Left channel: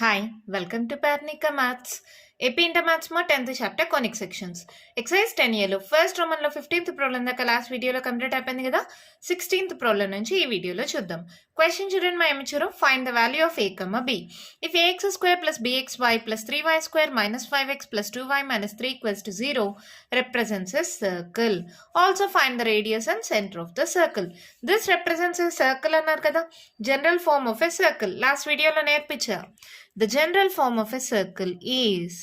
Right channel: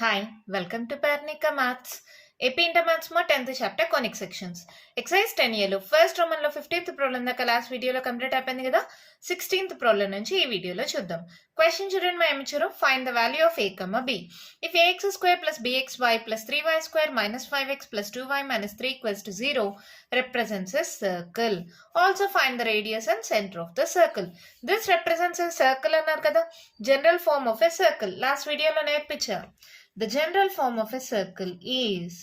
Hi, welcome to Parnika Maths. AP Inter Maths mo 10th chapter conic sections. Exercise 10 లో first Roman లో 15th problem దాకా last వీడియోలో complete అయిపోయింది కదా. 16th problem నుంచి ఈ వీడియోలో చూద్దాం. క్వశ్చన్ చూడండి, మా ఏమిచ్చారు, find the value of a, b. If ax square plus bxy plus 3y square minus 5x plus 2y minus 3 equals to 0 represents a circle. Also find the radius and center of the circle. This represents a circle అన్నారు కదా. General form of a circle last వీడియోలో నేర్పించా. The general form of a circle is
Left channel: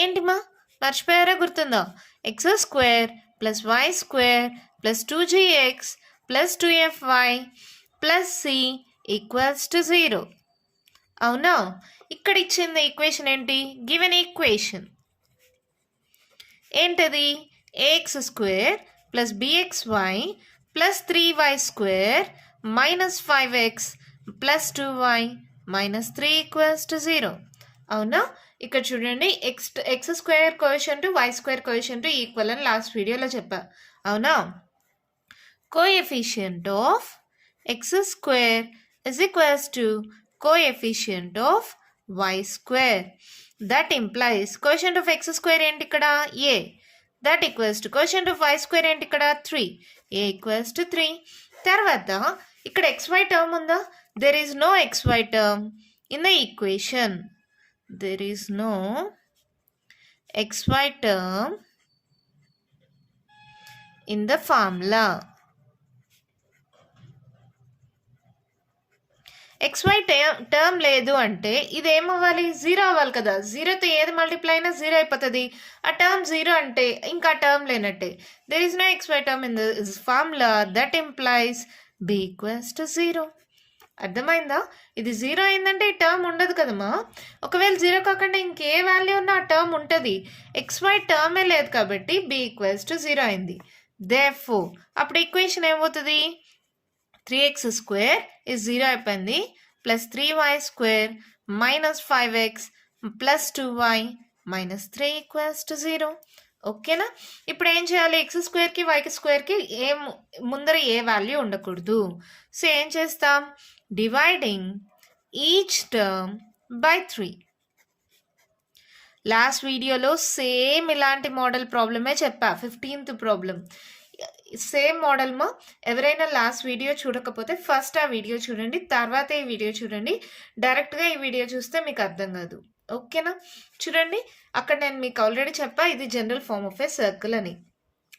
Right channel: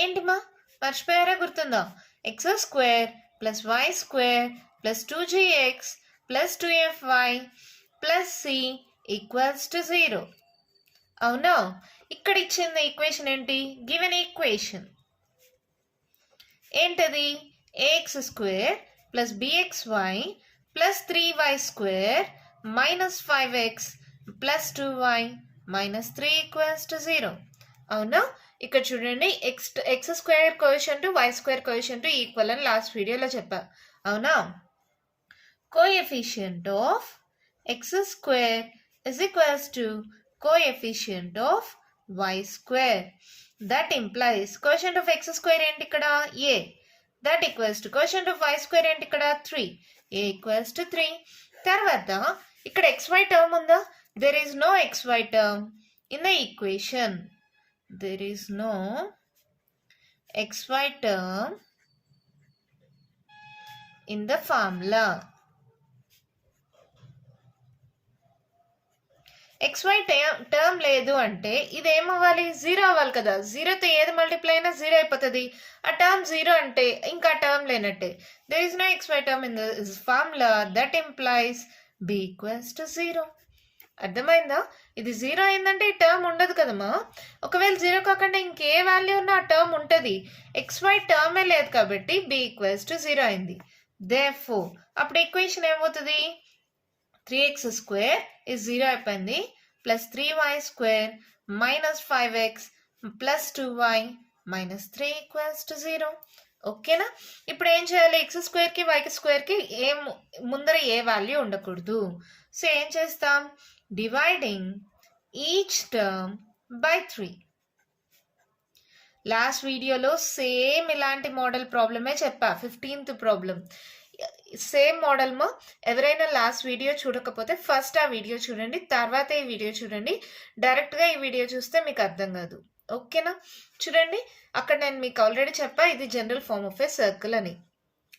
ఏంటి మా మర్చిపోయారా, గుర్తుందా? X square plus y square plus 2gx plus 2fy plus c equals to 0. అవునా? ఇక్కడ ఇచ్చింది ఈక్వేషన్ ఏంటి? గివెన్ ఈక్వేషన్ ఏంటది? A x square plus bxy plus 3y square minus 5x plus 2y minus 3 equals to 0. అవునా? ఇక్కడ చూడండి, x square coefficient y square coefficient equal అని last వీడియోలో చెప్పా. అవునా? Coefficient of x square is equals to coefficient of y square. That implies coefficient of x square ఏంటి ఇక్కడ? ఏ. That equals to quotient of y square ఏంటి ఇక్కడ? 3. a equals to 3. తర్వాత ఇక్కడ xy term ఉందా? There is no xy term in the equation. There is no xy term in the formula. xy term లేదు అంటే ఇది ఏమవ్వాలి? 0 అవ్వాలి కదా. 0తో ఏది మల్టిప్లై అయినా 0 అయిపోతుంది. ఆ టర్మ్ 0 అంటే ఇంకా టర్మ్ లేనట్టే. There is no xy term in the formula. That implies b equals to 0. అర్థమైందా? ఇది 0 అయిందంటే ఈ టర్మ్ ఉండదు కదమ్మా. ఒకవేళ 0 కాకుండా ఇంకే వాల్యూ ఉన్నా ఆ టర్మ్ ఉంటుంది. xy టర్మే లేదు కాబట్టి b ఈక్వల్స్ టు 0 అయింది. దేర్ఫోర్ అప్పుడు ఈక్వేషన్ ఏమవుతుంది? 3x స్క్వేర్ ఇస్ 0 అయిపోయింది, plus 3y square minus 5x plus 2y minus 3 equals to 0. ఓకేనా? ఇప్పుడు ఏం చేయాలి? ఎక్స్ స్క్వేర్కి వైకి స్క్వేర్కి ముందర ఏ వాల్యూ ఉండకూడదు. సో ఏం చేస్తాం? Dividing each term by 3. Last వీడియోలో సేమ్ ఇలాంటి మోడల్ ప్రాబ్లమే చెప్పా, 15th ప్రాబ్లం. సేమ్ మోడల్ మా. ఎవరైనా లాస్ట్ వీడియో చూడకపోతే ఫస్ట్ ఆ వీడియో చూడండి, తర్వాత ఈ వీడియో చూడండి. డైరెక్ట్గా ఈ వీడియో చూస్తే మీకు అర్థం కాదు. ఓకేనా? చూడండి, అక్కడ నేను మీకు ఆల్రెడీ చెప్పా, ఇది general form of a circle అని.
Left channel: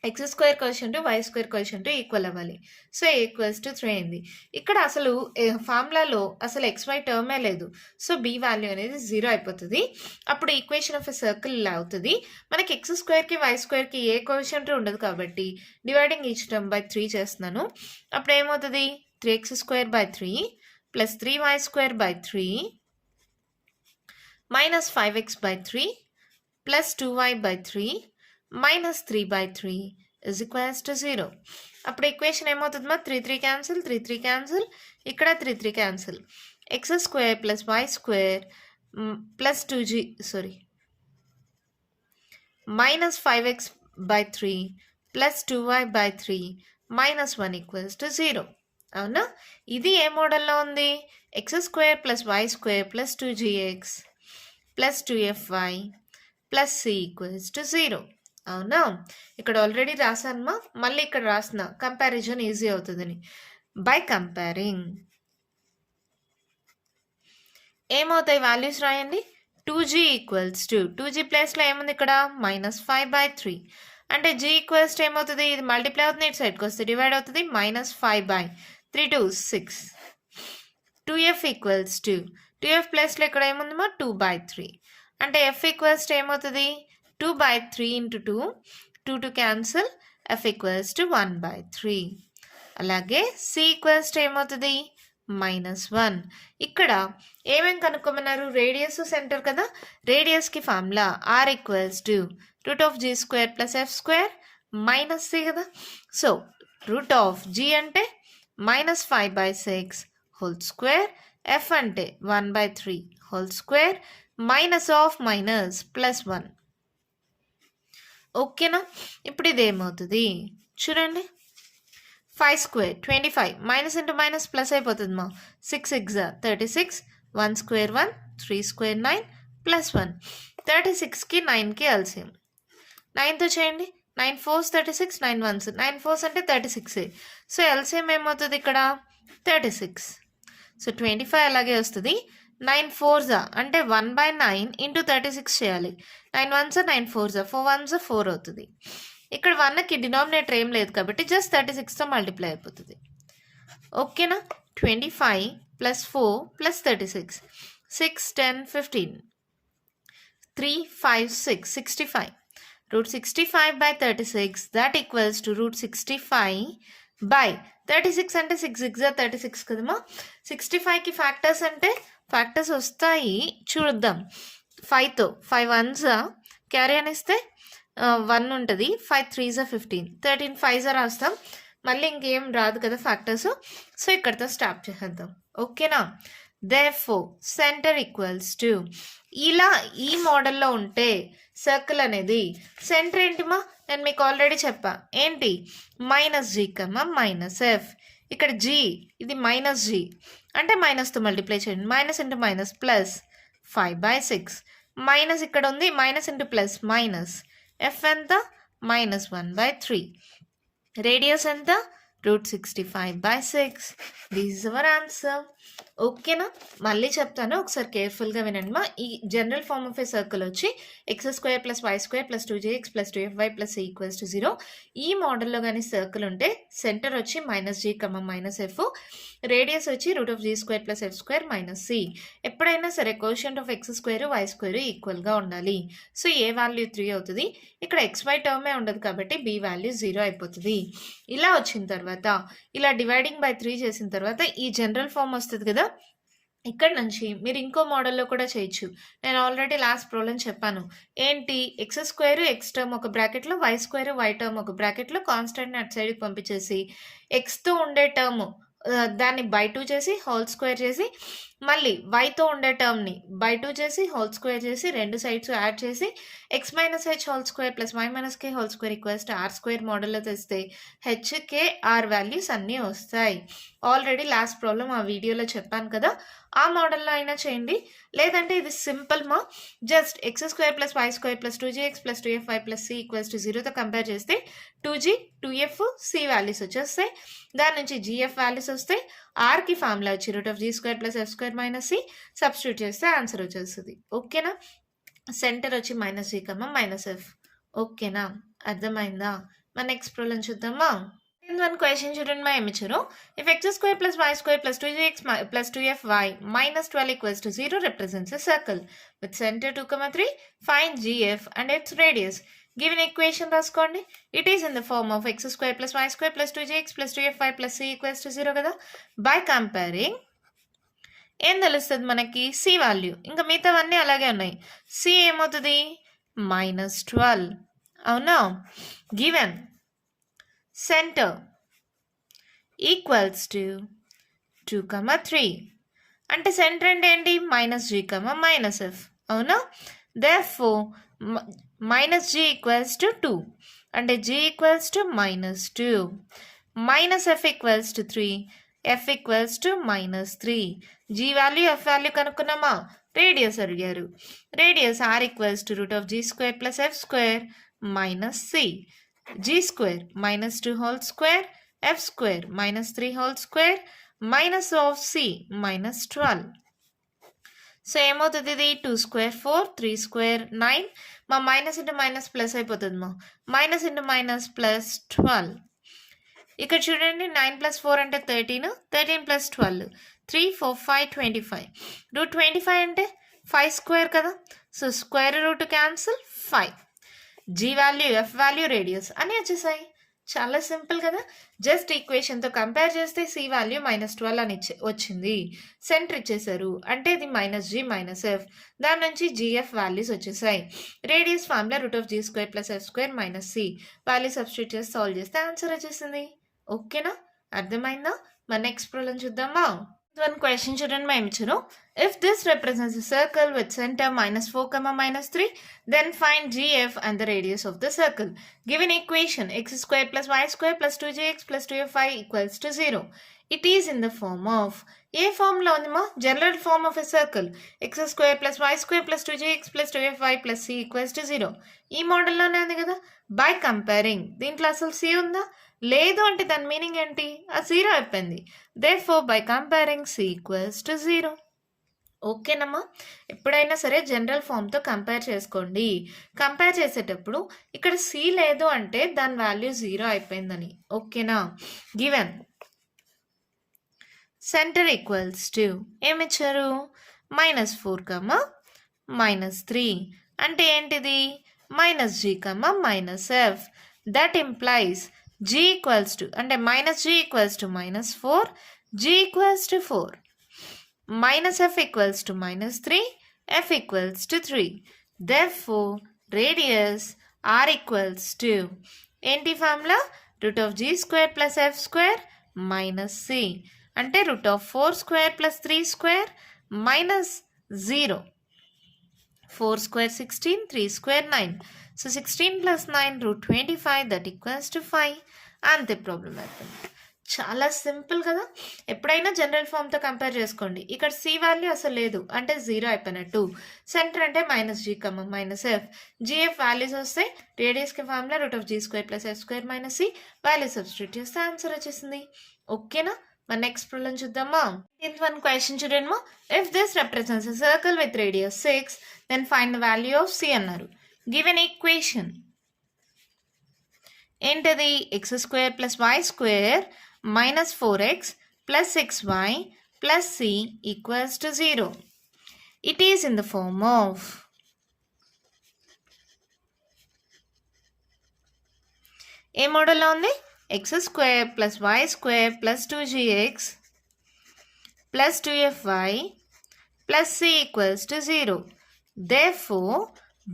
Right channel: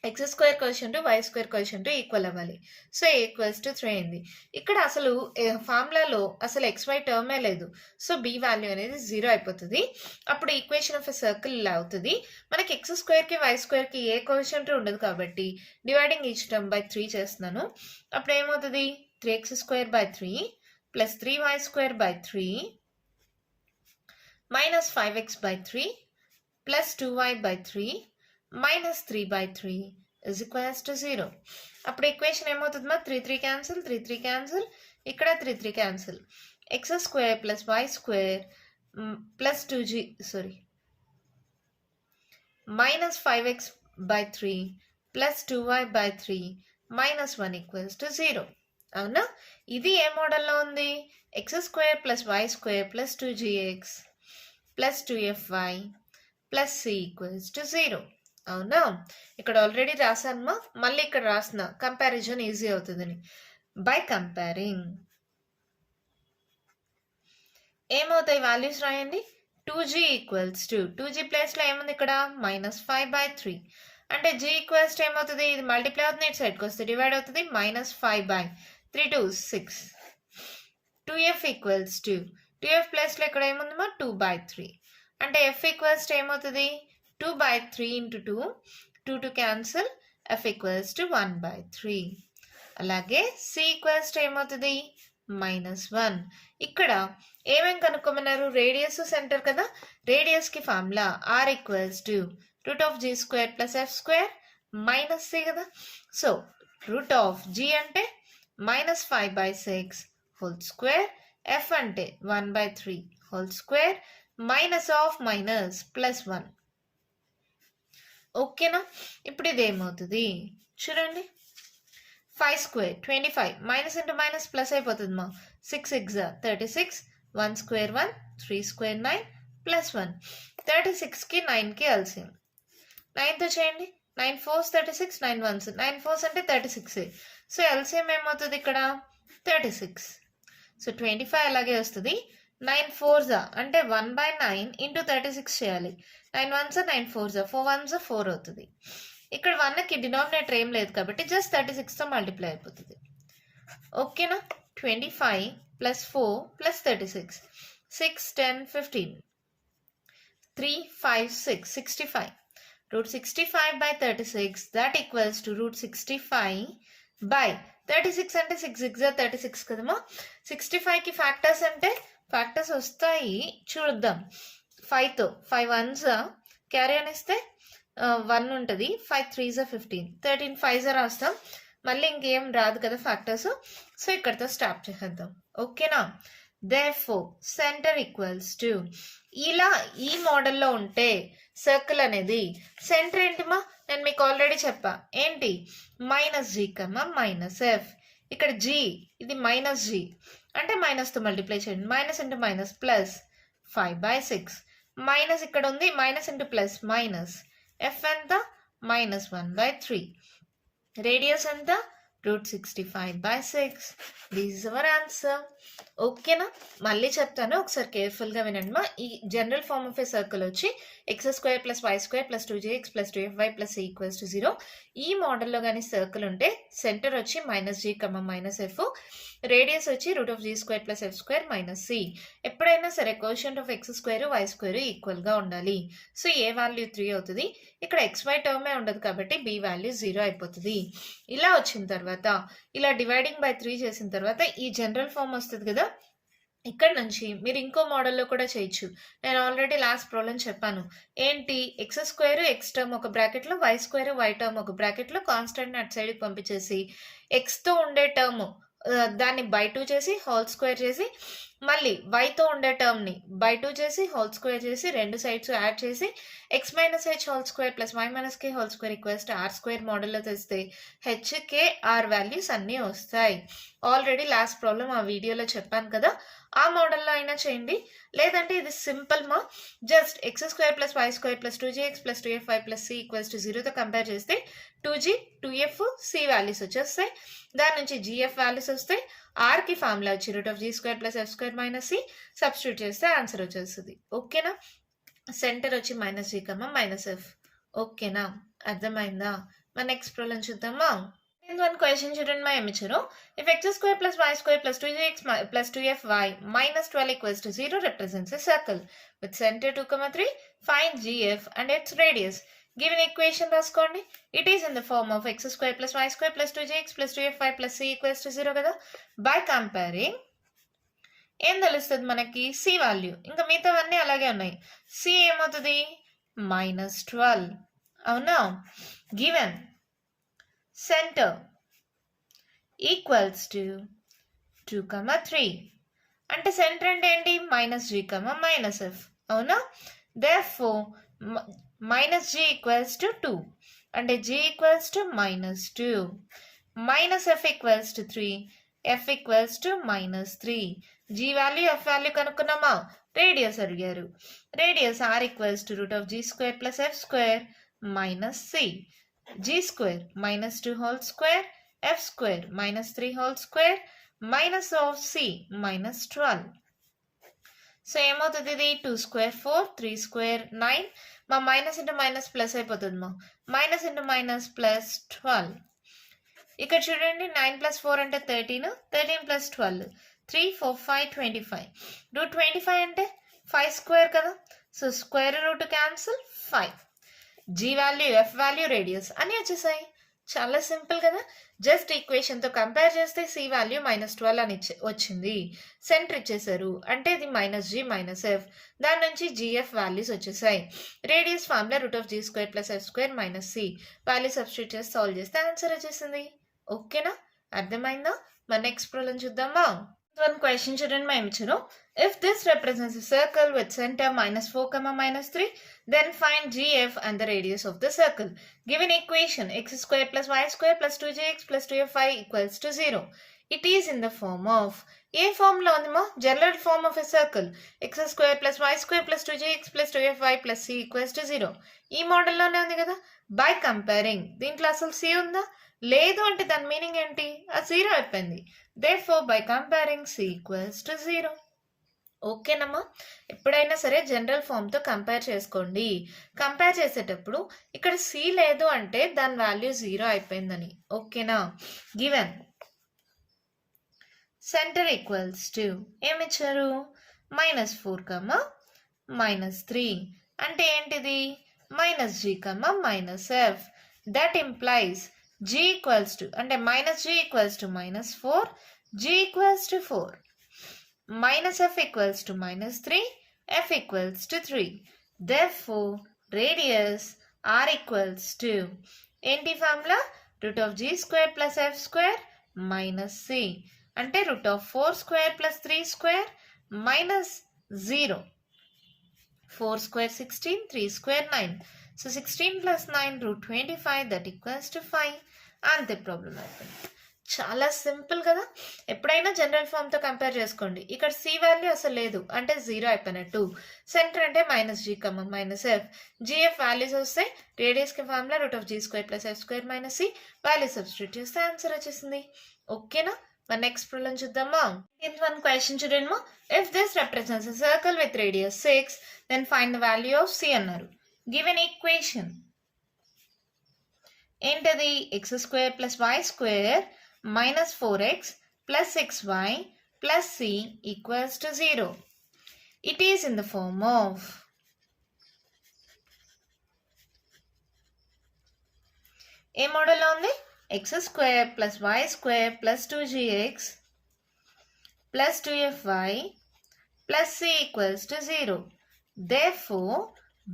X square coefficient y square coefficient equal అవ్వాలి. సో ఏ ఈక్వల్స్ టు 3 అయింది. ఇక్కడ అసలు ఫార్ములాలో అసలు XY టర్మే లేదు. సో బి వాల్యూ అనేది 0 అయిపోతుంది. అప్పుడు ఈక్వేషన్ ఆఫ్ ఎ సర్కిల్ ఇలా అవుతుంది. మనకి ఎక్స్ స్క్వేర్కి వై స్క్వేర్కి ఏ కోఎఫిషియంట్ ఉండదు కాబట్టి డివైడింగ్ ఈచ్ టర్మ్ బై 3 చేస్తున్నాను. అప్పుడు ఏమవుతుంది? 3x square by 3 plus 3y square by 3 minus 5x by 3 plus 2y by 3 minus 3 by 3 is equals to 0. అప్పుడు ఈక్వేషన్ ఏమవుతుంది? మా 3 క్యాన్సిల్, 3 క్యాన్సిల్, ఇక్కడ 3 cancel. X square plus y square plus minus 5x by 3 plus 2y by 3 minus 1 equals to 0. అవునా? ఇది ఏ మోడల్లో ఉంది? X square plus y square plus 2gx plus 2fy plus c equals to 0. అవునా? ఇక్కడ already రాసానమ్మా, మళ్ళీ ఇక్కడ రాసిన కంపారిజన్ ఈజీ అవుతుందని. బై కంపేరింగ్ ఏమవుతాయి వాల్యూస్ రాయండి. 2g ఈక్వల్స్ టు 2g ప్లేస్లో ఏముంది ఇక్కడ? Minus 5 by 3. అంటే g ఈక్వల్స్ టు ఏమవుతుంది? ఇది మల్టిప్లై అవుతుంది, ఇటు సైడ్కి వస్తే డివైడ్ అవుతుంది. Minus 5 by 3 2 6. 2f equals to 2f ప్లేస్లో ఇక్కడ ఏముందమ్మా? 2 బై 3. అంటే f ఈక్వల్స్ టు ఏమవుతుంది? 2 by 3 into 2, 2 cancel, f equals to 1 by 3. అలాగే c ఈక్వల్స్ టు ఏమవుతుంది? మైనస్ 1. ఇక్కడ ఏమేమి కనుక్కోమన్నారు? రేడియస్ సెంటర్ కదా. రేడియస్కి formula r equals to root of g square plus f square minus c కదా. సో రూట్ ఆఫ్ g అంటే minus 5 by 6 whole square, f అంటే 1 by 3 whole square, minus of minus plus 1. ఓకేనా? ఇప్పుడు ఇదేమవుతుంది చూడండి, 5 square 25 minus into minus plus అయిపోతుంది మా 6 6 36 1 square 1 3 square 9 plus 1 36కి 9కి ఎల్సిఎం 9తో చేయండి 9 4s 36 9 1s 9 4s అంటే 36 సో ఎల్సిఎం ఏమవుతుంది ఇక్కడ 36 సో 25 అలాగే వస్తుంది 9 4s అంటే 1/9 ఇంటూ 36 చేయాలి 9 1s 9 4s 4 1s 4 అవుతుంది ఇక్కడ 1కి డినామినేటర్ ఏం లేదు కాబట్టి జస్ట్ 36తో మల్టిప్లై అయిపోతుంది ఓకేనా 25 plus 4 plus 36 6 10 15 3 5 6 65 root 65 by 36 that equals to root 65 by 36 అంటే 6 6 36 కదమ్మా 65కి ఫ్యాక్టర్స్ అంటే ఫ్యాక్టర్స్ వస్తాయి చూద్దాం 5తో 5 1s క్యారీ అని ఇస్తే 1 ఉంటుంది 5 3s 15 13 5s రాస్తాం మళ్ళీ ఇంకేం రాదు కదా ఫ్యాక్టర్స్ సో ఇక్కడితో స్టాప్ చేసేద్దాం ఓకేనా therefore సెంటర్ ఈక్వల్స్ టు ఇలా ఈ మోడల్లో ఉంటే సర్కిల్ అనేది సెంటర్ ఏంటిమా నేను మీకు ఆల్రెడీ చెప్పా ఏంటి -g మైనస్ ఎఫ్ ఇక్కడ g ఇది -g అంటే మైనస్తో మల్టిప్లై చేయండి minus into minus plus 5/6 minus ఇక్కడ ఉంది minus into plus minus F ఎంత -1/3 రేడియస్ ఎంత √65/6 దిస్ ఇస్ అవర్ ఆన్సర్ ఓకేనా మళ్ళీ చెప్తాను ఒకసారి కేర్ఫుల్గా వినండి మా ఈ general form of a circle వచ్చి x² + y² + 2jx + 2fy + c = 0 ఈ మోడల్లో కానీ సర్కిల్ ఉంటే సెంటర్ వచ్చి -g, -f రేడియస్ వచ్చి √g² + f² - c ఎప్పుడైనా సరే కోషియంట్ ఆఫ్ x² y² ఈక్వల్గా ఉండాలి సో ఏ వాల్యూ 3 అవుతుంది ఇక్కడ xy టర్మే ఉండదు కాబట్టి b వాల్యూ 0 అయిపోతుంది ఇలా వచ్చిన తర్వాత ఇలా డివైడింగ్ బై 3 చేసిన తర్వాత ఈ జనరల్ ఫార్మ్ వస్తుంది కదా ఇక్కడ నుంచి మీరు ఇంకో మోడల్లో కూడా చేయొచ్చు నేను ఆల్రెడీ లాస్ట్ ప్రాబ్లం చెప్పాను ఏంటి x² x టర్మ్ ఒక బ్రాకెట్లో y² y టర్మ్ ఒక బ్రాకెట్లో కాన్స్టెంట్ అటు సైడ్కి పంపించేసి ఎక్స్తో ఉండే టర్మ్ దాన్ని బై 2 చేసి హోల్ స్క్వేర్ చేసి మళ్ళీ వైతో ఉండే టర్మ్ని బై 2 చేసి హోల్ స్క్వేర్ చేసి రెండు సైడ్స్ యాడ్ చేసి x - h whole square + y - k whole square = r² మోడల్లో తెస్తే h k r వాల్యూస్ అన్నీ వస్తాయి ఆల్రెడీ లాస్ట్ ప్రాబ్లం ఆ వీడియోలో చెప్పాను కదా ఆ మోడల్లో అయినా చేయండి లేదంటే ఇది సింపుల్ మా just x² + y² + 2jx + 2fy + c = 0తో compare చేస్తే 2g 2f c వాల్యూస్ వచ్చేస్తాయి దాని నుంచి gf వాల్యూస్ వస్తే ఆర్కి ఫార్ములా వచ్చి √g² + f² - c సబ్స్టిట్యూట్ చేస్తే ఆన్సర్ వచ్చేస్తుంది ఓకేనా సెంటర్ వచ్చి -g, -f ఓకేనా అర్థమైందా మన నెక్స్ట్ ప్రాబ్లం చూద్దామా one question చూడండి మా ఏమి ఇచ్చారు if x² + y² + 2jx + 2fy - 12 = 0 represents a circle with center 2, 3 find gf and its radius given equation రాసుకోండి it is in the form of x² + y² + 2jx + 2fy + c = 0 కదా by comparing ఏం తెలుస్తుంది మనకి c value ఇంకా మిగతావన్నీ అలాగే ఉన్నాయి c ఏమవుతుంది -12 అవునా given center equals to 2, 3 అంటే సెంటర్ అంటే ఏంటి -g, -f అవునా therefore -g = 2 అంటే g = -2 -f = 3 f = -3 g value f value కనుక్కున్నామా రేడియస్ అడిగారు radius r = √g² + f² - c g² -2 whole square f² -3 whole square minus of c -12 so ఏమవుతుంది ఇది 2² 4 3² 9 మా మైనస్ ఇంటూ మైనస్ ప్లస్ అయిపోతుంది మా minus into minus plus 12 ఇక్కడ చూడండి 9 + 4 అంటే 13 13 + 12 3 4 5 25 √25 అంటే 5² కదా so square root cancel 5 g value f value radius అని వచ్చేసాయి చాలా సింపుల్ కదా జస్ట్ ఈక్వేషన్తో కంపేర్ చేస్తే c వాల్యూ -12 అని వచ్చింది సెంటర్ ఇచ్చేసారు అంటే ఇది -g -f దాని నుంచి gf వాల్యూస్ వచ్చేసాయి radius formula √g² + f² - c value substitute చేసి సాల్వ్ చేస్తే ఆన్సర్ వచ్చేసింది ఓకేనా అర్థమైందా మన నెక్స్ట్ ప్రాబ్లం చూద్దామా One question చూడండి మేము ఇచ్చారు. If this represents a circle with center -4, -3, then find GF and the radius of the circle. Given equation x square plus y square plus 2gx plus 2fy equals to 0. It is in the form of ఏ form లో ఉందమ్మా? General form of a circle x square plus y square plus 2gx plus 2fy plus c equals to 0. ఈ మోడల్లోనే ఉంది కదా. By comparing దీంట్లో అసలు c ఉందా? లేదు అంటే దాని మీనింగ్ ఏంటి? ఆ 0 అయిపోయింది. Therefore by comparing c equals to 0. ఓకేనమ్మా, ఎప్పుడైనా సరే జనరల్ ఫామ్తో కంపేర్ చేసుకోండి. కంపేర్ చేసేటప్పుడు ఇక్కడ సి లేదు అంటే దాని వాల్యూ 0 అయిపోయిందని. ఓకేనా? గివెన్ సెంటర్ ఈక్వల్స్ టు ఏమిచ్చారు? -4, -3 అంటే ఏంటిది? -g, -f. That implies g equals to అంటే -g equals to -4, g equals to 4, -f equals to -3, f equals to 3. Therefore, radius r equals to ఏంటి formula? √g square plus f square minus c అంటే √4 square plus 3 square minus 0. 4 square 16, 3 square 9. So 16 plus 9 √25 that equals to 5. అంతే problem అయిపోయింది. చాలా simple కదా. ఎప్పుడైనా general ఫామ్తో compare చేసుకోండి. ఇక్కడ C value అసలు లేదు అంటే 0 అయిపోయినట్టు. సెంటర్ అంటే -g, -f. జిఎఫ్ వాల్యూస్ వస్తాయి. రేడియస్కి formula √g square plus f square minus c. Value substitute చేస్తే ఆన్సర్ వచ్చేసింది. ఓకేనా? మన నెక్స్ట్ ప్రాబ్లం చూద్దామా. వన్ క్వశ్చన్ చూడండి. If this represents a circle with radius 6, then find the value of c అన్నారు. Given equation ఏంటది? x² + y² -4x plus 6y plus c equals to 0. It is in the form of ఏ మోడల్లో ఉంది? x² + y² plus 2gx plus 2fy plus c equals to 0. Therefore,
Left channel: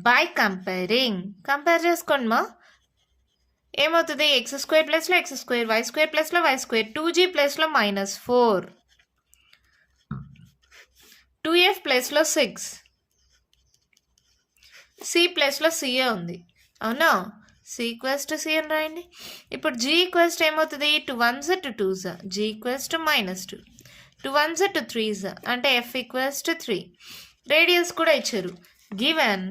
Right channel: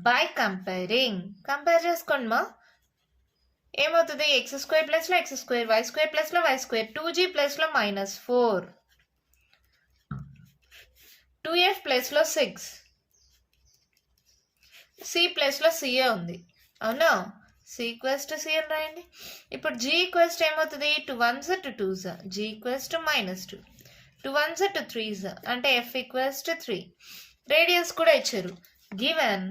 by comparing compare చేసుకోండి మా. ఏమవుతుంది? x² ప్లస్లో x², y² ప్లస్లో y², 2g ప్లస్లో -4, 2f ప్లస్లో 6, c ప్లస్లో c ఉంది. అవునా? c ఈక్వల్స్ టు c అని రాయండి. ఇప్పుడు g ఈక్వల్స్ టు ఏమవుతుంది? 2 1s 2 2s, g equals to -2, 2 1s 2 3s అంటే f ఈక్వల్స్ టు 3. రేడియస్ కూడా ఇచ్చారు. Given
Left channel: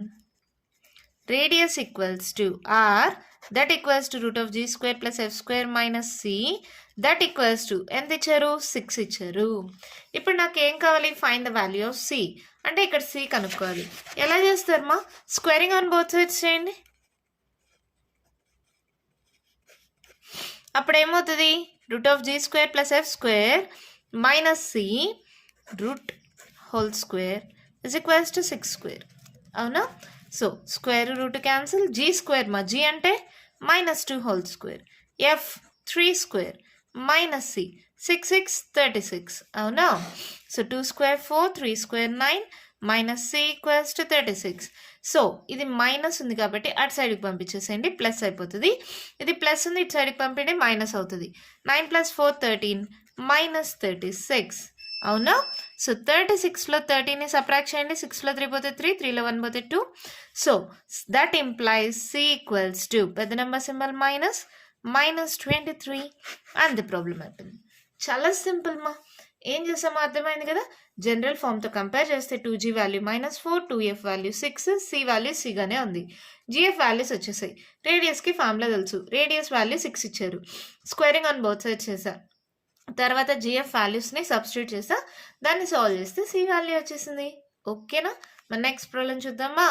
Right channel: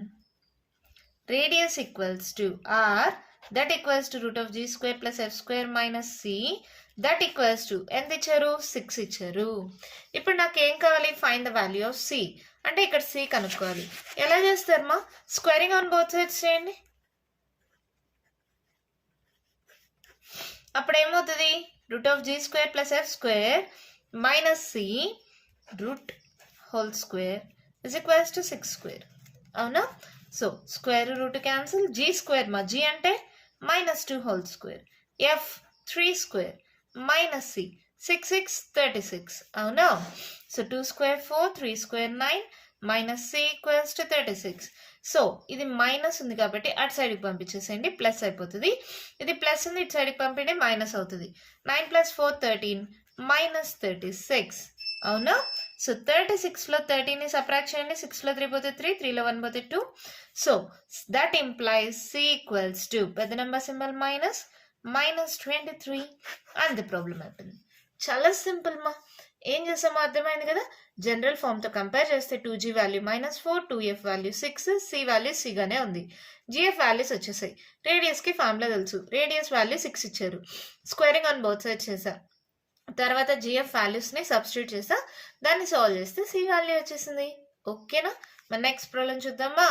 radius equals to r that equals to √g² plus f² minus c that equals to ఎంత ఇచ్చారు? 6 ఇచ్చారు. ఇప్పుడు నాకు ఏం కావాలి? Find the value of c అంటే ఇక్కడ c కనుక్కోవాలి. ఎలా చేస్తారమ్మా? స్క్వేరింగ్ ఆన్ బోత్ సైడ్స్ చేయండి. అప్పుడు ఏమవుతుంది? √g² plus f² minus c √² is equals to 6². అవునా? So square root cancel, g² మా g అంటే -2², f 3² minus c 6 6 36. అవునా? So 2² 4, 3² 9 minus c equals to 36. So ఇది మైనస్ ఉంది కాబట్టి అటు సైడ్కి పంపించేసేయండి, ప్లస్ అయిపోతుంది. ఇది ప్లస్ ఉంది, ఇటు సైడ్కి పంపించండి, మైనస్ అవుతుంది. 9 + 4 13 -36. అవునా? సో 36లో 13ని సబ్ట్రాక్ట్ చేయండి. 6లో 3 పోతే 3, 3లో 1 పోతే 2. So that implies c equals to పెద్ద నెంబర్ సింబల్ -23. అంతే ప్రాబ్లం అవుతుంది. చాలా సింపుల్ మా. ఏం చేసామో అర్థమైంది కదా. జనరల్ ఫామ్తో కంపేర్ చేస్తే 2g value -4, 2f value 6, c value c గానే ఉంది. gf వాల్యూస్ వచ్చేసాయి. రేడియస్కి ఫార్ములా తెలుసు. రేడియస్ వాల్యూ 6 ఇచ్చారు. స్క్వేరింగ్ ఆన్ బోత్ సైడ్స్ చేశా. తర్వాత జిఎఫ్ వాల్యూస్ని సబ్స్టిట్యూట్ చేస్తా. దాన్ని సాల్వ్ చేస్తే సి వాల్యూ వచ్చేసింది. ఓకేనా? మన నెక్స్ట్ ప్రాబ్లం చూద్దామా.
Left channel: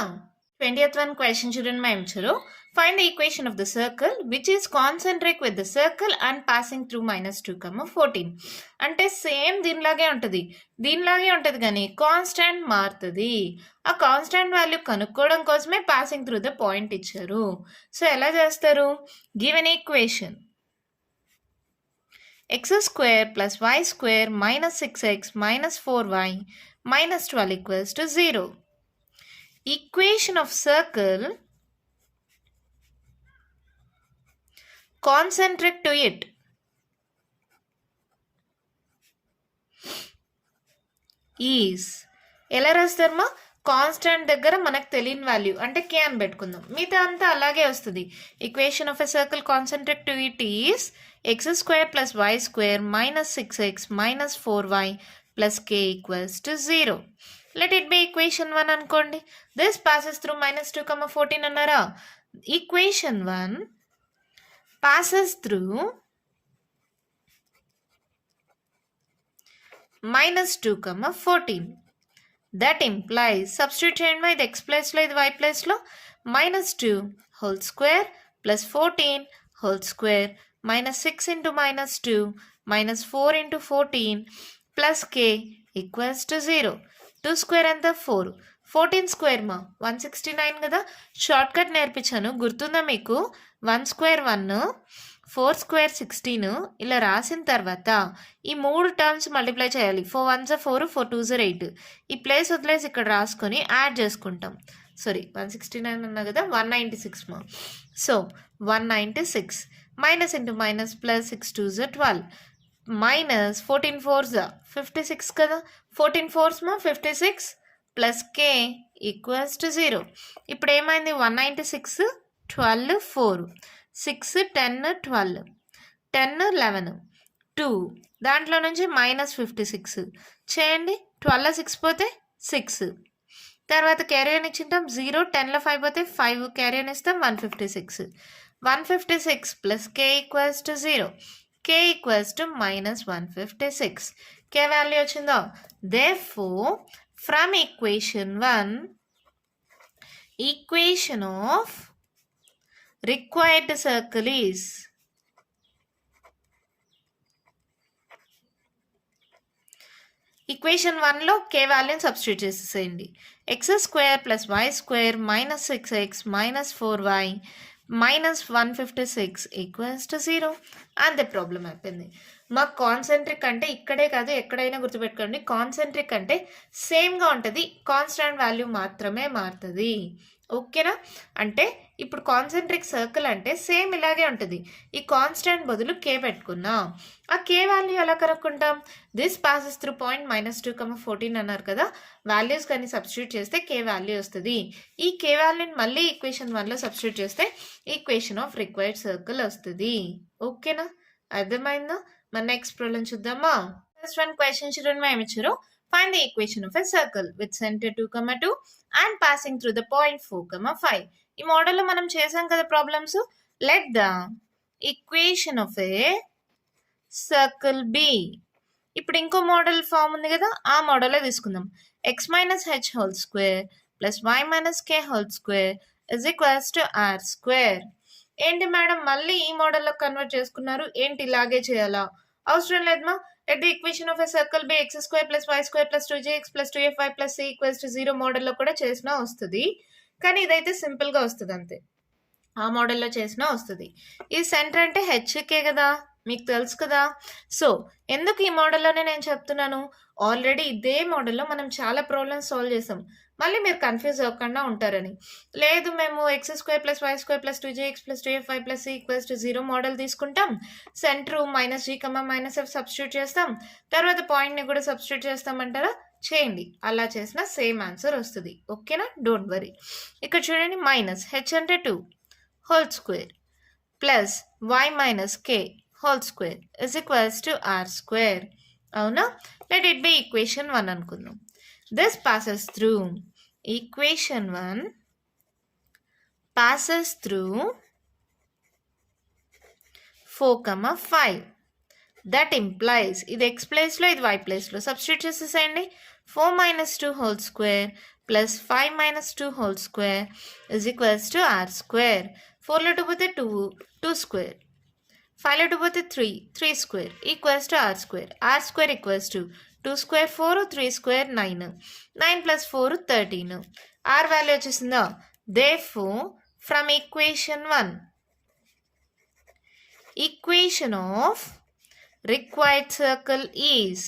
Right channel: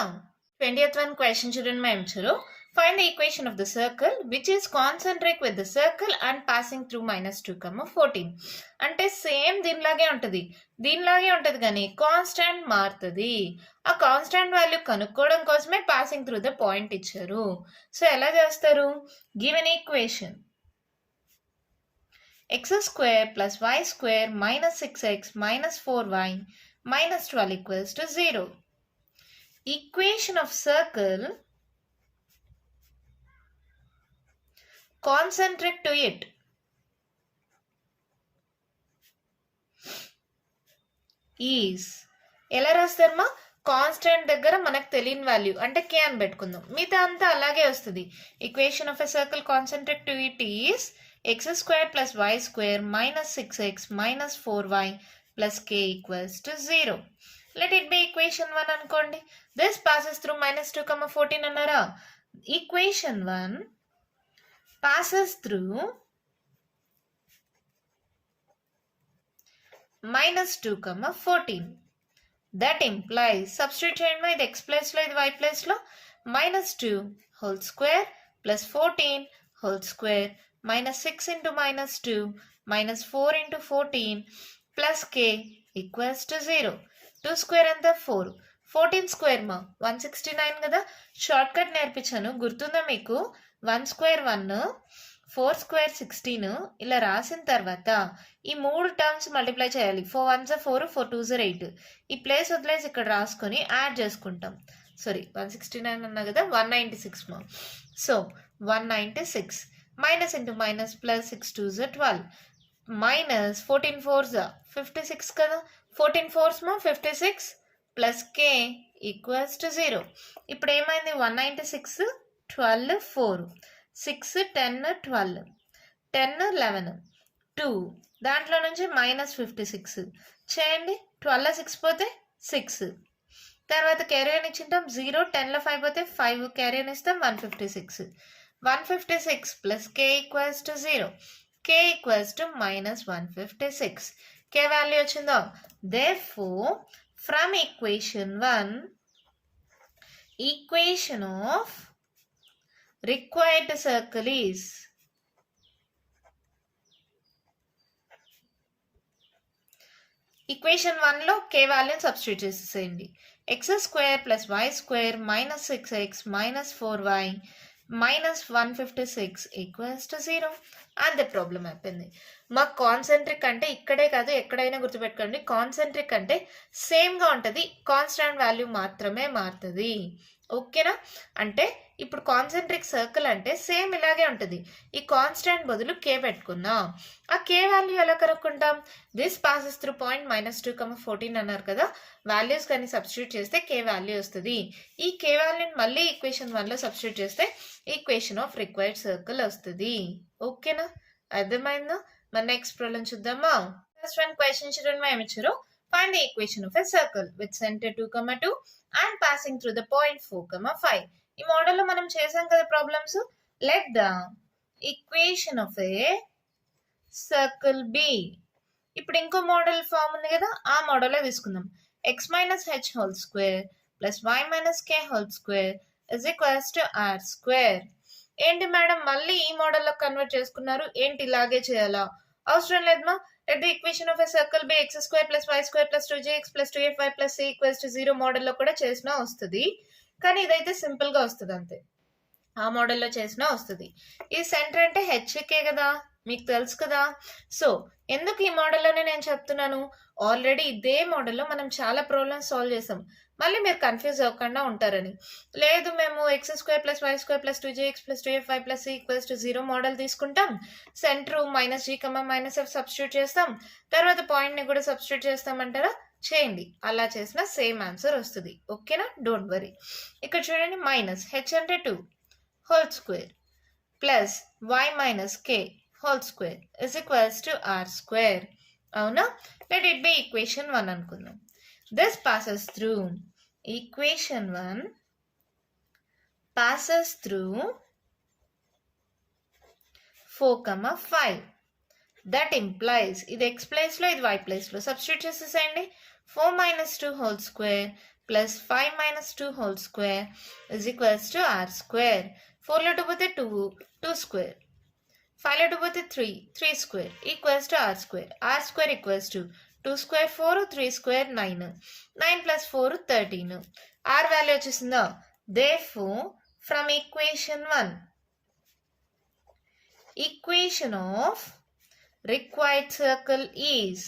20th one క్వశ్చన్ చూడండి మా ఇచ్చారు. Find the equation of the circle which is concentric with the circle and passing through -2, 14. అంటే సేమ్ దీనిలాగే ఉంటుంది కానీ కాన్స్టాంట్ మారుతుంది. ఆ కాన్స్టాంట్ వాల్యూ కనుక్కోవడం కోసమే పాసింగ్ త్రూ ద పాయింట్ ఇచ్చారు. సో ఎలా చేస్తారు? Given equation x² plus y² minus 6x minus 4y minus 12 equals to 0. Equation of circle concentric to it. Is ఎలా రాస్తారమ్మా? కాన్స్టెంట్ దగ్గర మనకు తెలియని వాల్యూ అంటే కే అని పెట్టుకుందాం. మిగతా అంతా అలాగే వస్తుంది. Equation of a circle concentric to it is x square plus y square minus 6x minus 4y plus k equals to 0. Let it be equation 1 అనుకోండి. దిస్ పాసెస్ త్రూ -2, 14 అన్నారా? Equation 1 passes through -2, 14. That implies, substitute చేయండి ఇది x ప్లేస్లో ఇది y ప్లేస్లో, -2 whole square plus 14 whole square minus 6 into -2 minus 4 into 14 plus k equals to 0. 2 square ఎంత 4, 14 square మా 169 కదా. షార్ట్ కట్ నేర్పించాను గుర్తుందా మీకు? 1 స్క్వేర్ 1, 4 స్క్వేర్ 16 ఇలా రాసిన తర్వాత ఈ 3 టర్మ్స్ మల్టిప్లై చేయాలి. 4 1s 4, 4 2s 8. ఈ ప్లేస్ వదిలేసి ఇక్కడ రాసుకొని యాడ్ చేసుకుంటాం. సారీ 169 అన్నా కదా, 196 మా. So 196 minus into minus plus 6 2s 12 minus 14 4s 56 కదా. 14 4s మా 56 ప్లస్ కే ఈక్వల్స్ టు 0. ఇప్పుడు ఏమైంది? 196 12 4 6 10 12 10 11 2 దాంట్లో నుంచి -56 చేయండి. 12 6 పోతే 6 తర్వాత క్యారియర్ ఇచ్చింటాం 0. 10లో 5 పోతే 5 క్యారియర్ ఇస్తాం 156. 156 plus k equals to 0. K equals to -156. K value వచ్చిందో. Therefore from equation 1 equation of required circle is equation 1లో k వాల్యూని సబ్స్టిట్యూట్ చేసేసేయండి. X square plus y square minus 6x minus 4y minus 156 equals to 0. అంతే problem అయిపోయింది. మాకు concentric అంటే ఇక్కడే కాదు ఎక్కడైనా గుర్తుపెట్టుకోండి. కాన్సెంట్రిక్ అంటే సేమ్గా ఉంటుంది, కాన్స్టాంట్ వాల్యూ మాత్రమే మారుతుంది. ఓకేనా? అంటే ఇప్పుడు కాన్సెంట్రిక్ సర్కిల్ అంటే సేమ్ ఇలాగే ఉంటుంది. ఈ కాన్స్టాంట్ బదులు కే పెట్టుకున్నాం. ఆ కే వాల్యూ ఎలా కనుక్కుంటాం? దిస్ పాసెస్ త్రూ పాయింట్ -2, 14 అన్నారు కదా. వాల్యూస్ కానీ సబ్స్టిట్యూట్ చేస్తే కే వాల్యూ వస్తుంది. ఈ కే వాల్యూని మళ్ళీ ఈక్వేషన్ 1లో సబ్స్టిట్యూట్ చేస్తే ఈక్వేషన్ ఆఫ్ రిక్వైర్డ్ సర్కిల్ వస్తుంది. ఓకేనా? అర్థమైందా? మన నెక్స్ట్ ప్రాబ్లం చూద్దామా? ఫస్ట్ వన్ క్వశ్చన్ చూడండి ఏమి ఇచ్చారు. Find the equation of a circle with center 2, 2 and passing through the point 4, 5. ఈ మోడల్లో మనం చేసాం కదా problems. Let the equation of a circle be. ఇప్పుడు ఇంకో మోడల్ ఫామ్ ఉంది కదా, ఆ మోడల్లో తీసుకుందాం. x minus h whole square plus y minus k whole square is equals to r square. ఏంటి మేడం మళ్ళీ ఈ మోడల్లో కన్వర్ట్ చేసుకున్నారు, ఏంటి ఇలాగే చేయాలా? అవసరం లేదమ్మా. Let the equation of a circle be x square plus y square plus 2jx plus 2fy plus c equals to 0 మోడల్లో కూడా చేసినా వస్తుంది. కానీ ఇదైతే సింపుల్గా వస్తుంది అంతే. ఆ మోడల్లో చేసినా వస్తుంది. ఈ సెంటర్ అంటే హెచ్కే కదా, మీకు తెలుసు కదా. సో ఎందుకు ఈ మోడల్లోనే నేను చెప్తున్నాను, ఆల్రెడీ ఇదే మోడల్లో మనం చాలా ప్రాబ్లమ్స్ సాల్వ్ చేసాం. మళ్ళీ మీరు కన్ఫ్యూజ్ అవ్వకుండా ఉంటారని. లేదు మేము x square plus y square plus 2jx plus 2fy plus c equals to 0 model తీసుకుంటాం. సెంటర్ -g, -f సబ్స్టిట్యూట్ చేస్తాం. తర్వాత పాయింట్ని కూడా సబ్స్టిట్యూట్ చేస్తామంటారా? చేయండి. అలా చేసిన సేమ్ ఆన్సర్ వస్తుంది. ఓకేనా? Don't worry. ఇక్కడ చూడండి మైనస్ హెచ్ అంటే 2 whole square plus y minus k whole square is equals to r square. అవునా? లెట్ ఇట్ బి ఈక్వేషన్ 1 అనుకుందాం. This passes through equation 1 passes through 4, 5. That implies ఇది x ప్లేస్లో ఇది y ప్లేస్లో substitute చేసేసేయండి. 4 minus 2 whole square plus 5 minus 2 whole square is equals to r square. 4లో 2 పోతే 2, 2 square. 5లో 2 పోతే 3, 3 square equals to r square. r square equals to 2 square 4, 3 square 9. 9 plus 4 13. R value వచ్చేసిందా? Therefore, from equation 1, equation of required circle is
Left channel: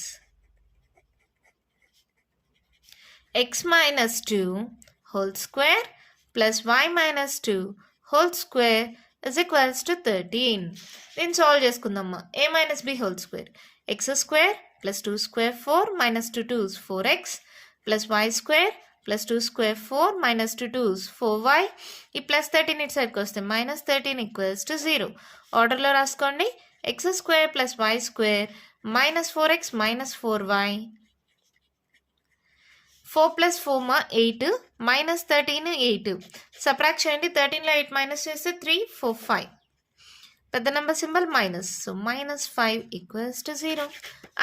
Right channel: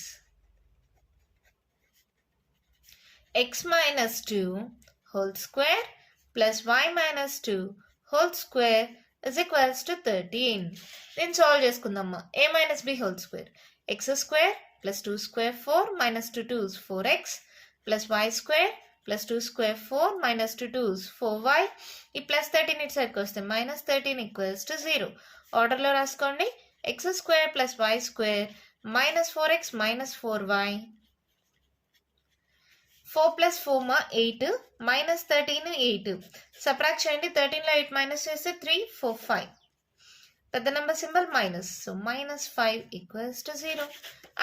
x minus 2 whole square plus y minus 2 whole square is equals to 13. నేను solve చేసుకుందామా. a minus b whole square x square plus 2 square 4 minus 2 2s 4x plus y square plus 2 square 4 minus 2 2s 4y. ఈ plus 13 ఇటు సైడ్కి వస్తే minus 13 equals to 0. ఆర్డర్లో రాసుకోండి. X square plus y square minus 4x minus 4y 4 plus 4 మా 8 minus 13 8. Subtract చేయండి. 13లో 8 minus చేస్తే 3 4 5. పెద్ద number symbol minus. So minus 5 equals to 0.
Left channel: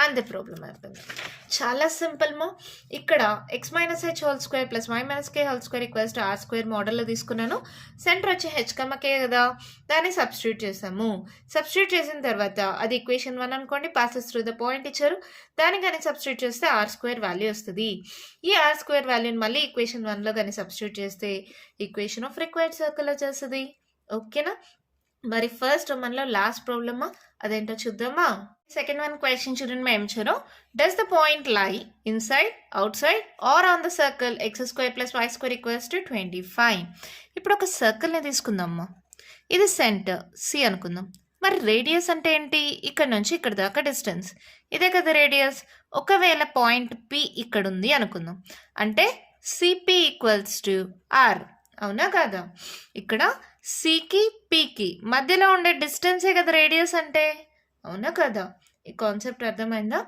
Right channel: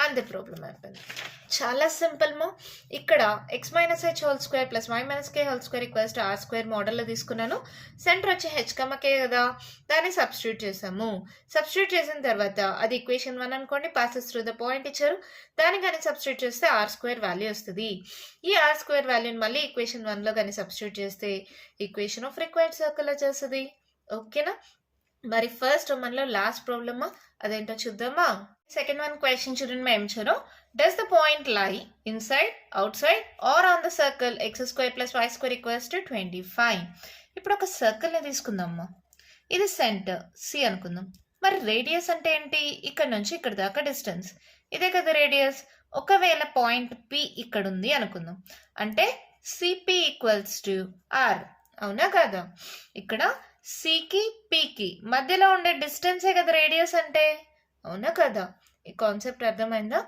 And the problem అయిపోయింది. చాలా సింపుల్ మా. ఇక్కడ x minus h whole square plus y minus k whole square equals to r square మోడల్లో తీసుకున్నాను. సెంటర్ వచ్చి హెచ్ కే కదా, దాన్ని సబ్స్టిట్యూట్ చేసాము. సబ్స్టిట్యూట్ చేసిన తర్వాత అది ఈక్వేషన్ 1 అనుకోండి, పాసెస్ త్రూ ద పాయింట్ ఇచ్చారు, దాన్ని కానీ సబ్స్టిట్యూట్ చేస్తే ఆర్ స్క్వేర్ వాల్యూ వస్తుంది. ఈ ఆర్ స్క్వేర్ వాల్యూని మళ్ళీ ఈక్వేషన్ 1లో కానీ సబ్స్టిట్యూట్ చేస్తే ఈక్వేషన్ ఆఫ్ రిక్వైర్డ్ సర్కిల్ వచ్చేస్తుంది. ఓకేనా. మరి ఫస్ట్ మనలో లాస్ట్ ప్రాబ్లమా, అదేంటో చూద్దామా. సెకండ్ వన్ క్వశ్చన్ చూడండి. ఏం ఇచ్చారు. Does the point lie inside, outside or on the circle x square plus y square equals to 25. ఇప్పుడు ఒక సర్కిల్ని తీసుకుందామా. ఇది సెంటర్ సి అనుకుందాం. మరి రేడియస్ అంటే ఏంటి? ఇక్కడ నుంచి ఇక్కడ దాకా డిస్టెన్స్, ఇదే కదా రేడియస్. ఒకవేళ పాయింట్ పి ఇక్కడ ఉంది అనుకుందాం, అంటే సిపి ఈక్వల్స్ టు ఆర్, అవునా కాదా? ఇక్కడ సికి పికి మధ్యలో ఉండే డిస్టెన్సే కదా రేడియస్ అంటే, అవునా కదా? ఈ కాన్సెప్ట్ అర్థమైందా?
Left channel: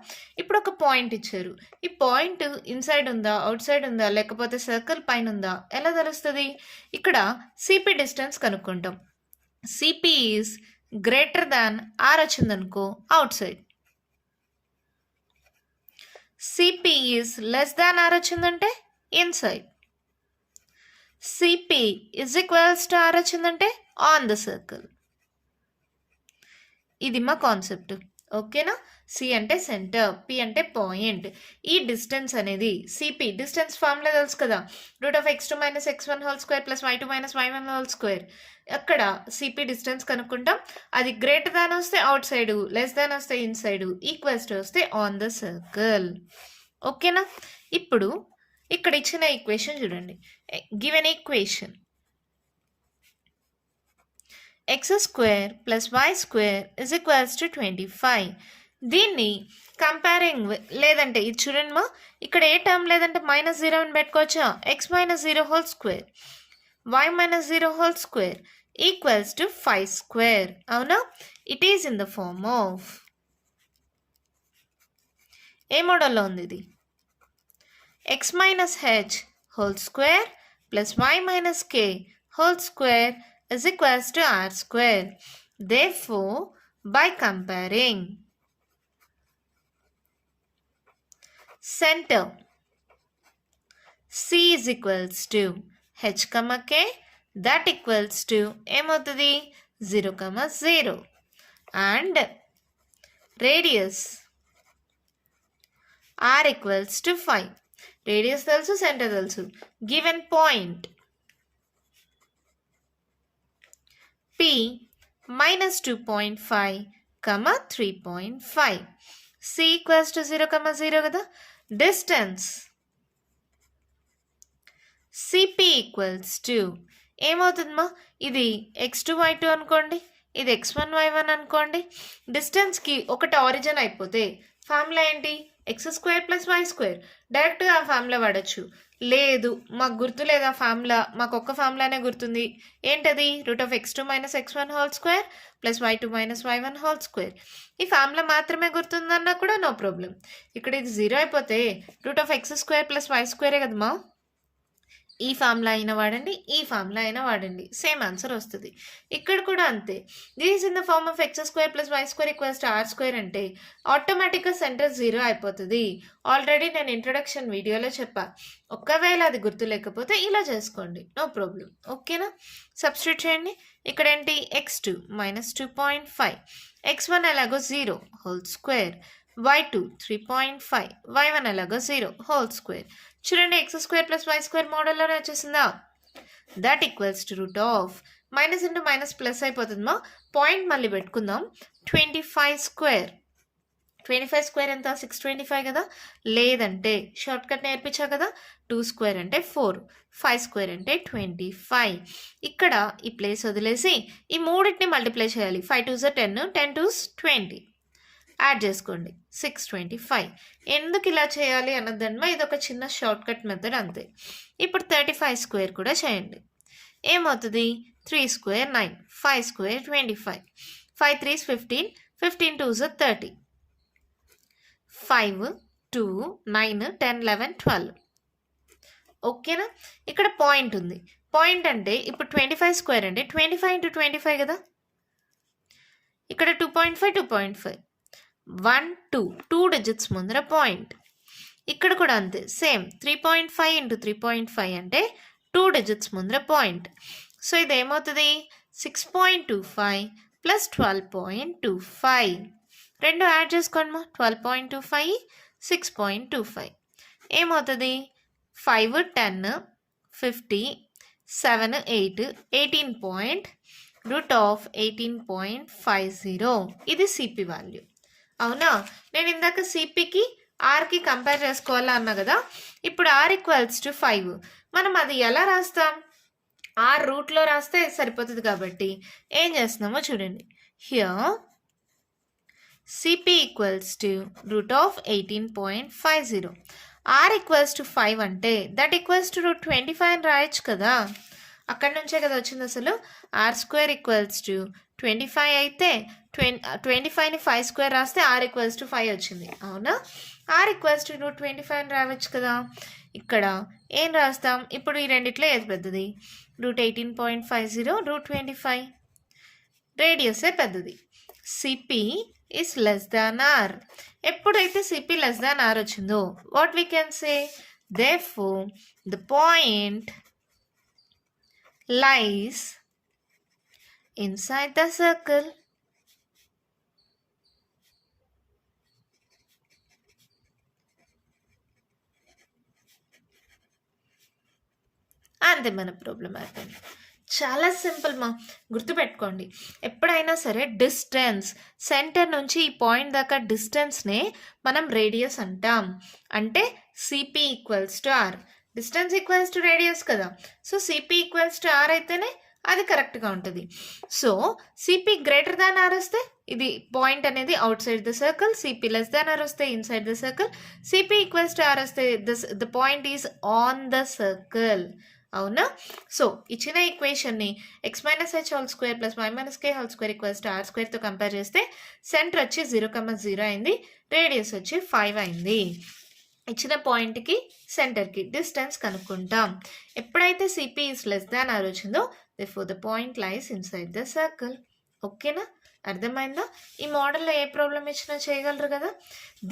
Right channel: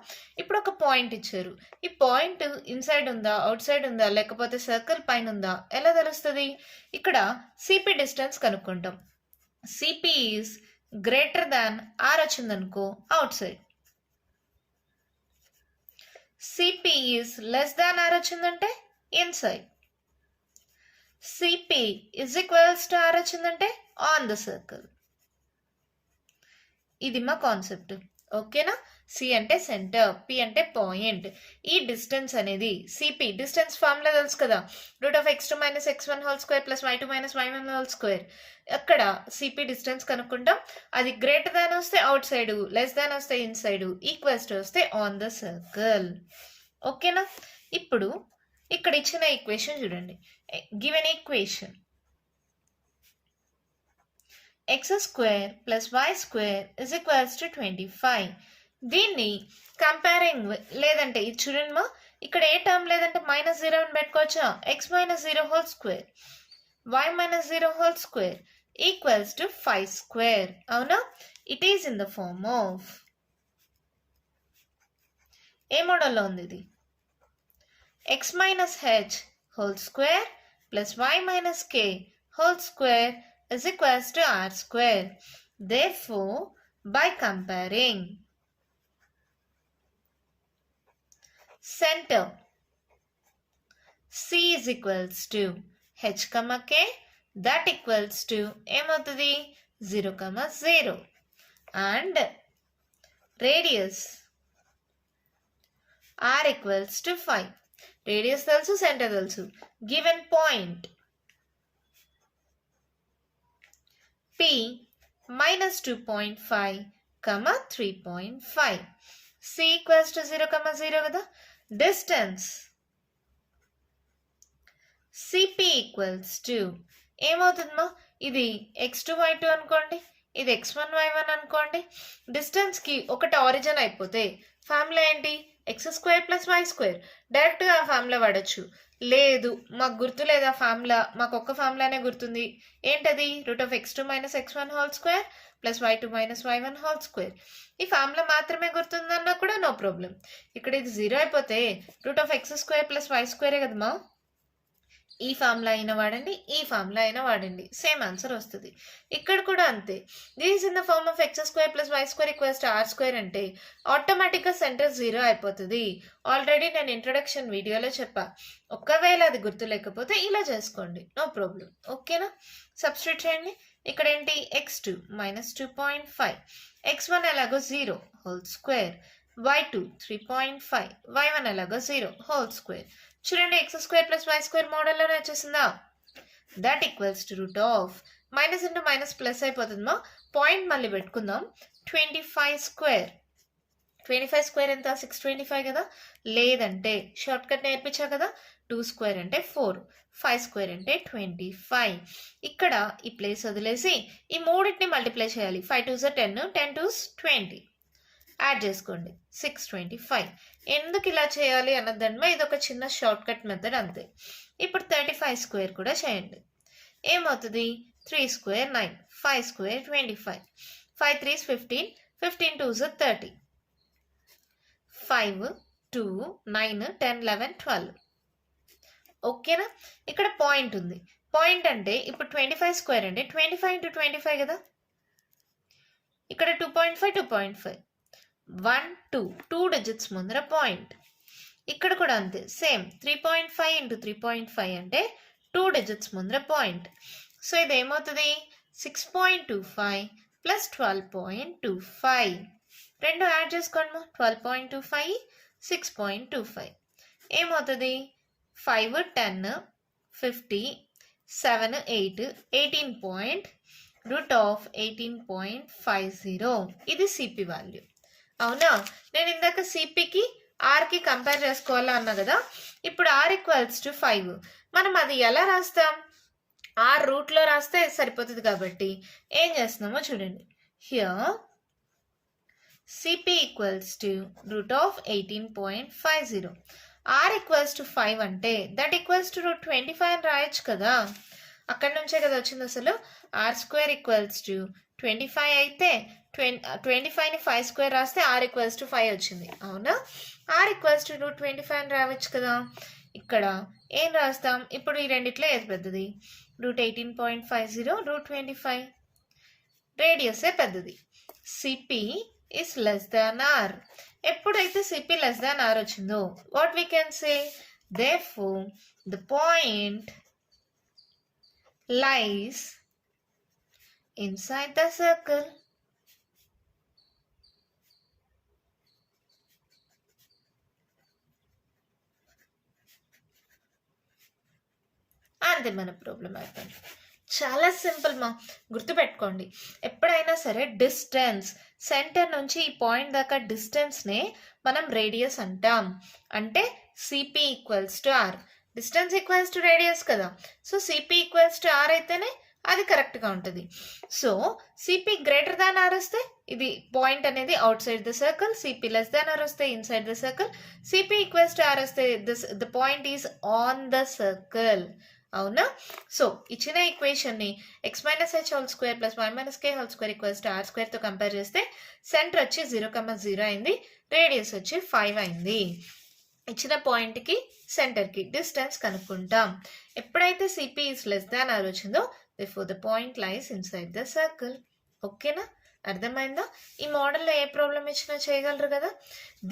ఇప్పుడు ఒక పాయింట్ ఇచ్చారు. ఈ పాయింట్ ఇన్సైడ్ ఉందా, అవుట్ సైడ్ ఉందా, లేకపోతే సర్కిల్ పైన ఉందా ఎలా తెలుస్తుంది? ఇక్కడ సిపి డిస్టెన్స్ కనుక్కుంటాం. C P is greater than r వచ్చిందనుకో outside, C P is less than r వచ్చిందంటే inside, C P is equals to r వచ్చిందంటే ఆన్ ద సర్కిల్. ఇది మా కాన్సెప్ట్. ఓకేనా. సి అంటే సెంటర్, పి అంటే పాయింట్. ఈ డిస్టెన్స్ అనేది సిపి డిస్టెన్స్ ఫార్ములా తెలుసు కదా, √(x2 - x1) whole square plus y2 - y1 whole square. అక్కడ సిపి డిస్టెన్స్ కనుక్కుంటాం. అది గ్రేటర్ దాన్ వస్తే అవుట్ సైడ్, లెస్ దాన్ వస్తే ఇన్సైడ్, ఈక్వల్స్ టు వస్తే ఆన్ ద సర్కిల్. ఓకేనా. ఇప్పుడు ఇక్కడ ఇచ్చిన ఈక్వేషన్ చూడండి. Given equation x square plus y square is equals to 25. దీన్ని కంపేరింగ్ లేదంటే ఇది చూడండి మా, ఇక్కడ ఏ టర్మ్ లేదంటే -0 అని పెట్టుకోవచ్చా. X minus 0 whole square y minus 0 whole square equals to 5 square, అవునా. It is in the form of a మోడల్లో ఉంది ఇది? X minus h whole square plus y minus k whole square is equals to r square. Therefore, by comparing center C is equals to h, k, that equals to ఏమవుతుంది 0, 0 and radius r equals to 5. Radius తెలుసు, center తెలుసు. Given point P minus 2.5, 3.5. C equals to 0, 0 కదా. Distance CP equals to ఏమవుతుందమ్మా, ఇది x2 y2 అనుకోండి, ఇది x1 y1 అనుకోండి. డిస్టెన్స్కి ఒకటి origin అయిపోతే ఫార్ములా ఏంటి? x² plus y². డైరెక్ట్గా ఆ ఫార్ములా వాడచ్చు. లేదు మాకు గుర్తు లేదా ఫార్ములా, మాకు ఒక్క ఫార్ములానే గుర్తుంది. ఏంటది? √(x2 - x1) whole square plus y2 - y1 whole square. ఈ ఫార్ములా మాత్రమే గుర్తుందన్నా కూడా నో ప్రాబ్లం. ఇక్కడ ఇది 0 అయిపోతే √(x² ప్లస్ y²ఏ కదమ్మా. ఈ ఫార్ములా అయినా వాడండి, ఈ ఫార్ములా అయినా వాడండి, సేమ్ ఆన్సర్ వస్తుంది. ఇక్కడ కూడా అంతే. This in the form of x² plus y² equals to r² అంటే ఆటోమేటిక్గా సెంటర్ 0 అయిపోతుంది. ఆల్రెడీ నేను ఇంట్రొడక్షన్ వీడియోలో చెప్పా. ఒకవేళ అది గుర్తు లేకపోతే ఇలా చేసుకోండి, నో ప్రాబ్లం. ఓకేనా. సబ్స్టిట్యూట్ చేయండి. ఇక్కడ ఏంటి? x2 - 2.5, x1 ఎలాగో 0 హోల్ స్క్వేర్, y2 3.5, y1 ఎలాగో 0 హోల్ స్క్వేర్. చూడండి, x² ప్లస్ y² మోడల్లోనే వచ్చేసిందా. That equals to minus into minus plus అయిపోతుందమ్మా. పాయింట్ మళ్ళీ పెట్టుకుందాం. 25 స్క్వేర్ 25 స్క్వేర్ ఎంత 625 కదా. లేదంటే షార్ట్ కట్ నేర్పించా కదా, 2 స్క్వేర్ అంటే 4, 5 స్క్వేర్ అంటే 25. ఇక్కడ ఈ ప్లేస్ వదిలేసి ఈ మూడింటిని మల్టిప్లై చేయాలి. 5 2s 10, 10 2s 20. యాడ్ చేసుకోండి 625. ఎందుకు ఇలా చేయాలి అన్నదన్మ ఇది ఒక చిన్న షార్ట్ కట్ మెథడ్ అంతే. ఇప్పుడు 35 స్క్వేర్ కూడా చేయండి. ఏమవుతుంది 3 స్క్వేర్ 9, 5 స్క్వేర్ 25, 5 3s 15, 15 2s 30, 5 2 9 10 11 12. ఓకేనా. ఇక్కడ పాయింట్ ఉంది. పాయింట్ అంటే ఇప్పుడు 25 స్క్వేర్ అంటే 25 ఇంటూ 25 కదా. ఇక్కడ 2.5 2.5 1 2 2 డిజిట్స్ ముందర పాయింట్. ఇక్కడ కూడా అంతే సేమ్ 3.5 ఇంటూ 3.5 అంటే 2 డిజిట్స్ ముందర పాయింట్. సో ఇది ఏమవుతుంది 6.25 ప్లస్ 12.25. రెండు యాడ్ చేసుకోండి మా 12.25 6.25 ఏమవుతుంది 5 10 50 7 8 18.√18.50. ఇది సిపి వాల్యూ. అవునా. నేను ఇందాక సిపికి ఆర్కి కంపేర్ చేసుకోవాలా అన్నా కదా. ఇప్పుడు ఆర్ ఈక్వల్స్ టు 5. మనం అది ఎలా రాస్తాం, ఆర్ రూట్లో రాస్తే సరిపోతుంది కాబట్టి ఏం చేస్తున్నామో చూడండి. Here CP equals to √18.50. R equals to 5 అంటే దట్ ఈక్వల్స్ టు √25 అని రాయొచ్చు కదా. అక్కడి నుంచే కదా వచ్చింది అసలు. ఆర్ స్క్వేర్ ఈక్వల్స్ టు 25 అయితే 25ని 5 స్క్వేర్ రాస్తే ఆర్ ఈక్వల్స్ టు 5 వచ్చింది. అవునా. ఆర్ ఈక్వల్స్ టు √25 అని రావచ్చు కదా. ఇక్కడ ఏం రాస్తాం ఇప్పుడు ఈ రెండిట్లో ఏది పెద్దది √18.50 √25. రేడియసే పెద్దది. CP is less than are. ఎప్పుడైతే సిపి లెస్ దాన్ ఆర్ వచ్చిందో what we can say therefore the point lies inside the circle. అంతే మన ప్రాబ్లం అయిపోయింది. చాలా సింపుల్ మా. గుర్తుపెట్టుకోండి ఎప్పుడైనా సరే డిస్టెన్స్ సెంటర్ నుంచి ఈ పాయింట్ దాకా డిస్టెన్స్నే మనం రేడియస్ అంటాం. అంటే C P equals to r. Distance equals to radius కదా. So C P equals to r అయితేనే అది కరెక్ట్గా ఉంటుంది. So C P greater than r వస్తే ఇది పాయింట్ అనేది outside the circle. C P less than r వస్తే inside the circle. C P equals to r వస్తే the point is on the circle. అవునా. సో ఇచ్చిన ఈక్వేషన్ని x - h whole square plus y - k whole square equals to are స్క్వేర్తో compare చేస్తే centre వచ్చి 0,0 అయింది, radius వచ్చి 5 అయింది. ఇచ్చిన పాయింట్కి సెంటర్కి డిస్టెన్స్ కనుక్కుంటాం. ఎప్పుడైతే CP is less than are వచ్చిందో therefore the point lies inside the circle. ఓకేనా. అర్థమైందా. ఈ మోడల్లో ఏ ప్రాబ్లం ఇచ్చినా చేయగలరు కదా.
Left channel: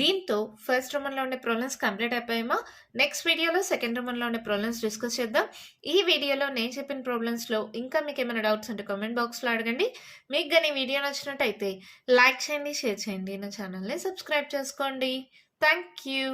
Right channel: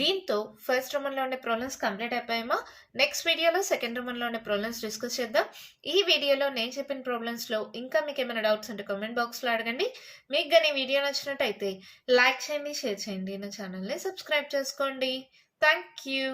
దీంతో ఫస్ట్ రోమన్లో ఉండే ప్రాబ్లమ్స్ కంప్లీట్ అయిపోయామా. నెక్స్ట్ వీడియోలో సెకండ్ రోమన్లో ఉండే ప్రాబ్లమ్స్ డిస్కస్ చేద్దాం. ఈ వీడియోలో నేను చెప్పిన ప్రాబ్లమ్స్లో ఇంకా మీకు ఏమైనా డౌట్స్ ఉంటే కామెంట్ బాక్స్లో అడగండి. మీకు కానీ వీడియో నచ్చినట్టయితే లైక్ చేయండి, షేర్ చేయండి, నా ఛానల్ని సబ్స్క్రైబ్ చేసుకోండి. Thank you.